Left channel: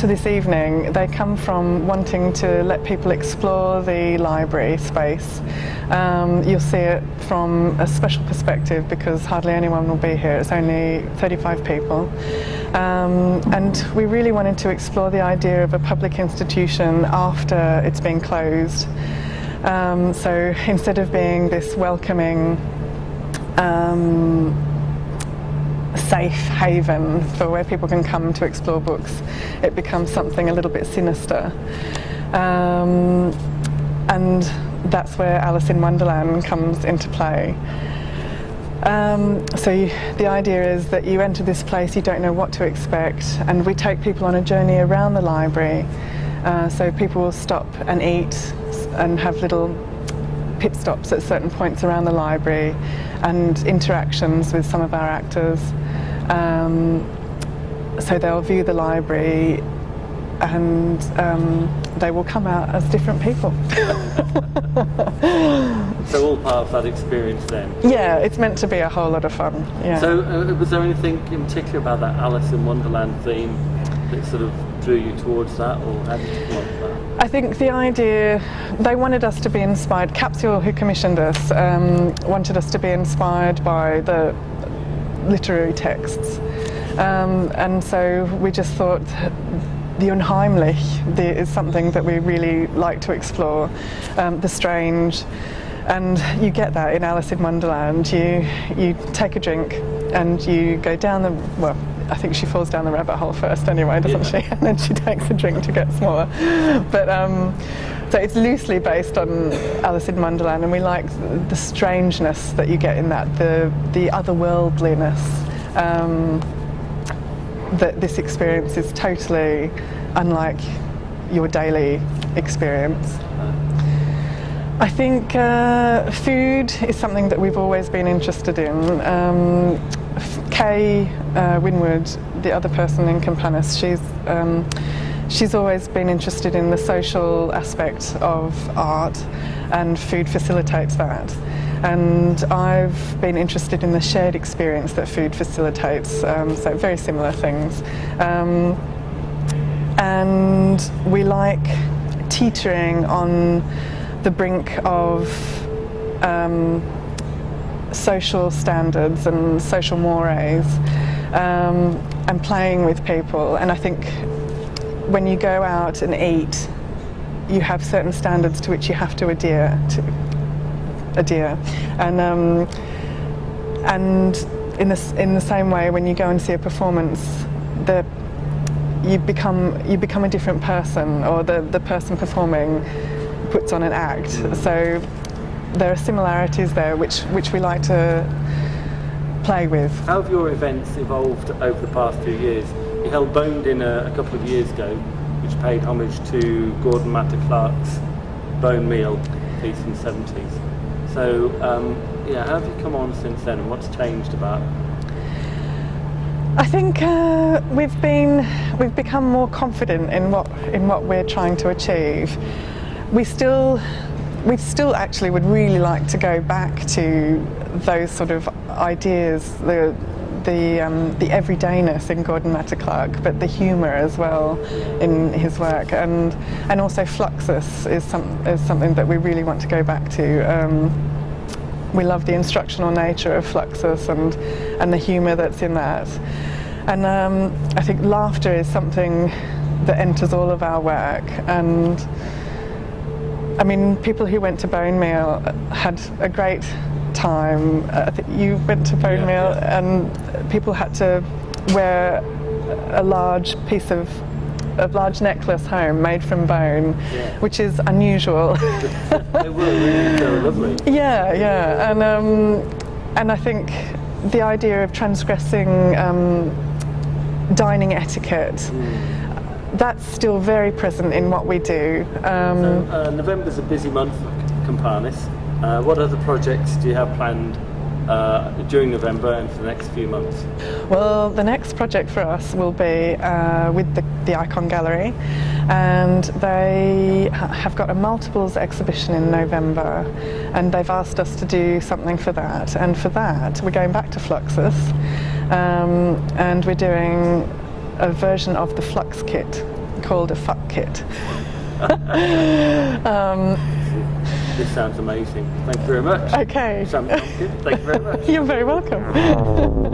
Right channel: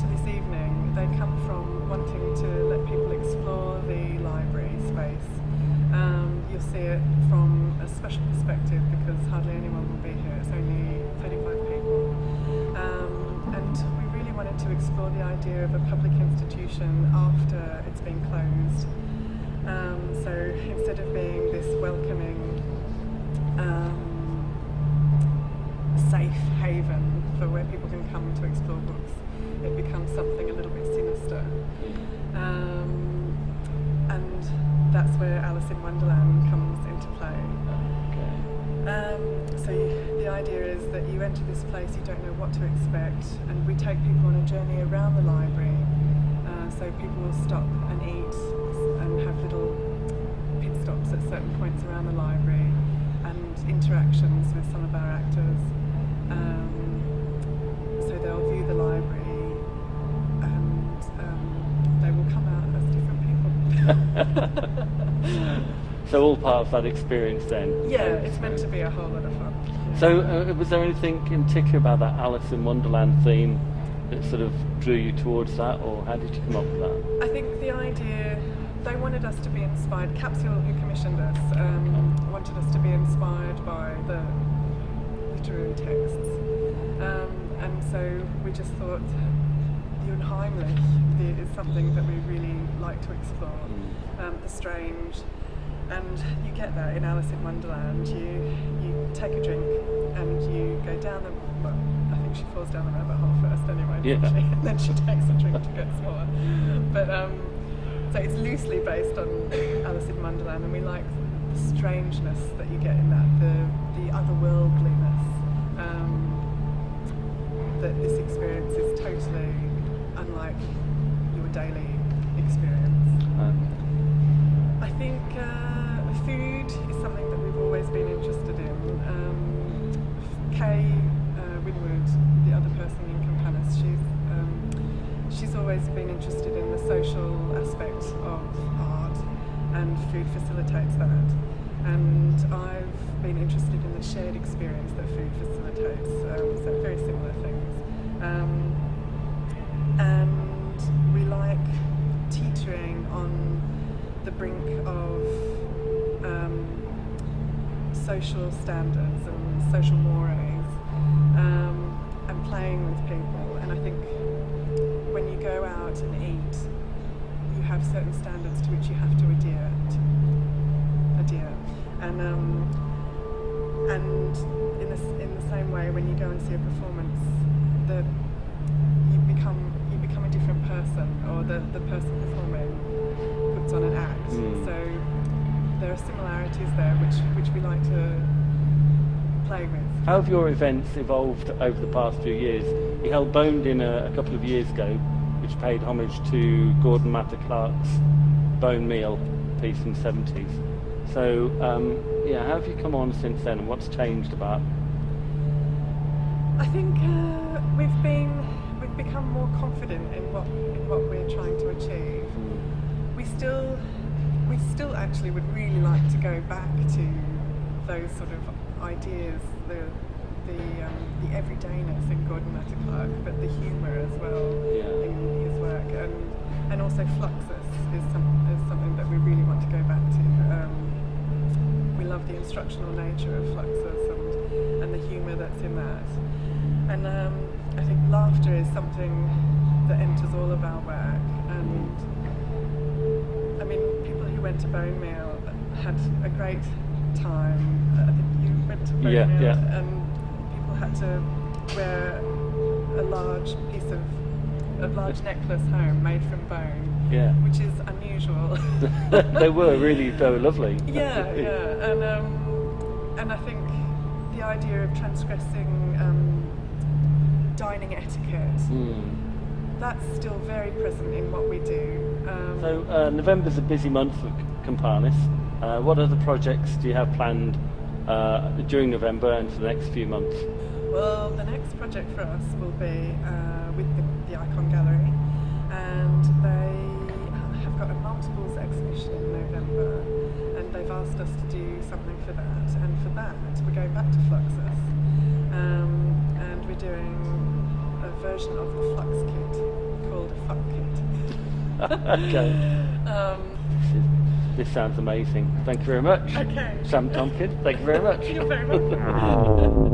to this evening, they come from wanting to let people explore the library space. You'll see it from a special perspective because hardly anyone will be here. It's only 35 people. And we really wanted to explore the idea of a public institution after it's been closed. So instead of being this welcoming, safe haven for where people can come to explore books, it becomes something a little bit sinister. And that's where Alice in Wonderland comes into play. So the idea is that you enter this place, you don't know what to expect, and we take people on a journey around the library. So people will stop and eat and have little pit stops at certain points around the library and interactions with some of our actors. So they'll view the library and they will come out as different people. So all part of that experience then? Yeah, it's meant to be a whole lot of fun. Yeah. So was there anything in particular about that Alice in Wonderland theme that sort of drew you towards that, or how did you come up with that? I think the idea, they wanted us to be inspired, Capsule, who commissioned us, wanted us to be inspired by the literary texts. And so we just thought the unheimlich is something that we really like to explore, the strange. And you get that in Alice in Wonderland. You take a drink and you go down the, well, I think she falls down the rabbit hole first anyway, doesn't she? And then she takes a drink to get smaller. But so it's loosely based on Alice in Wonderland, and we like the strangeness that you get in that, the otherworldliness. That this experience is totally unlike your daily experience. I think food is something that we've always been interested in. Kay Winwood, the other person in Companis, she's always been interested in the social aspect of art, and food facilitates that. And I've been interested in the shared experience that food facilitates, so very similar things. And we like teetering on the brink of social standards and social mores, and playing with people. And I think when you go out and eat, you have certain standards to which you have to adhere. And in the same way, when you go and see a performance, you become a different person, or the person performing puts on an act. So there are similarities there which we like to play with. How have your events evolved over the past few years? You held Boned in a couple of years ago, which paid homage to Gordon Matta Clark's Bone Meal piece in the 70s. So yeah, how have you come on since then, and what's changed about it? I think we've become more confident in what we're trying to achieve. We still actually would really like to go back to those sort of ideas, the everydayness in Gordon Matta Clark, but the humour as well in his work, and also Fluxus is something that we really want to go back to. We love the instructional nature of Fluxus and the humour that's in that. And I think laughter is something that enters all of our work. And I mean, people who went to Bone Meal had a great time. I think you went to Bone Meal, and people had to wear a large piece of a large necklace home made from bone, which is unusual. They were lovely. Yeah, and I think the idea of transgressing dining etiquette, that's still very present in what we do. So, November's a busy month for Companis. What other projects do you have planned during November and for the next few months? Well, the next project for us will be with the Icon Gallery, and they have got a multiples exhibition in November, and they've asked us to do something for that. And for that, we're going back to Fluxus, and we're doing a version of the Flux Kit, called a fuck kit. This sounds amazing. Thank you very much. Okay. Sian Tompkin, thank you very much. You're very welcome.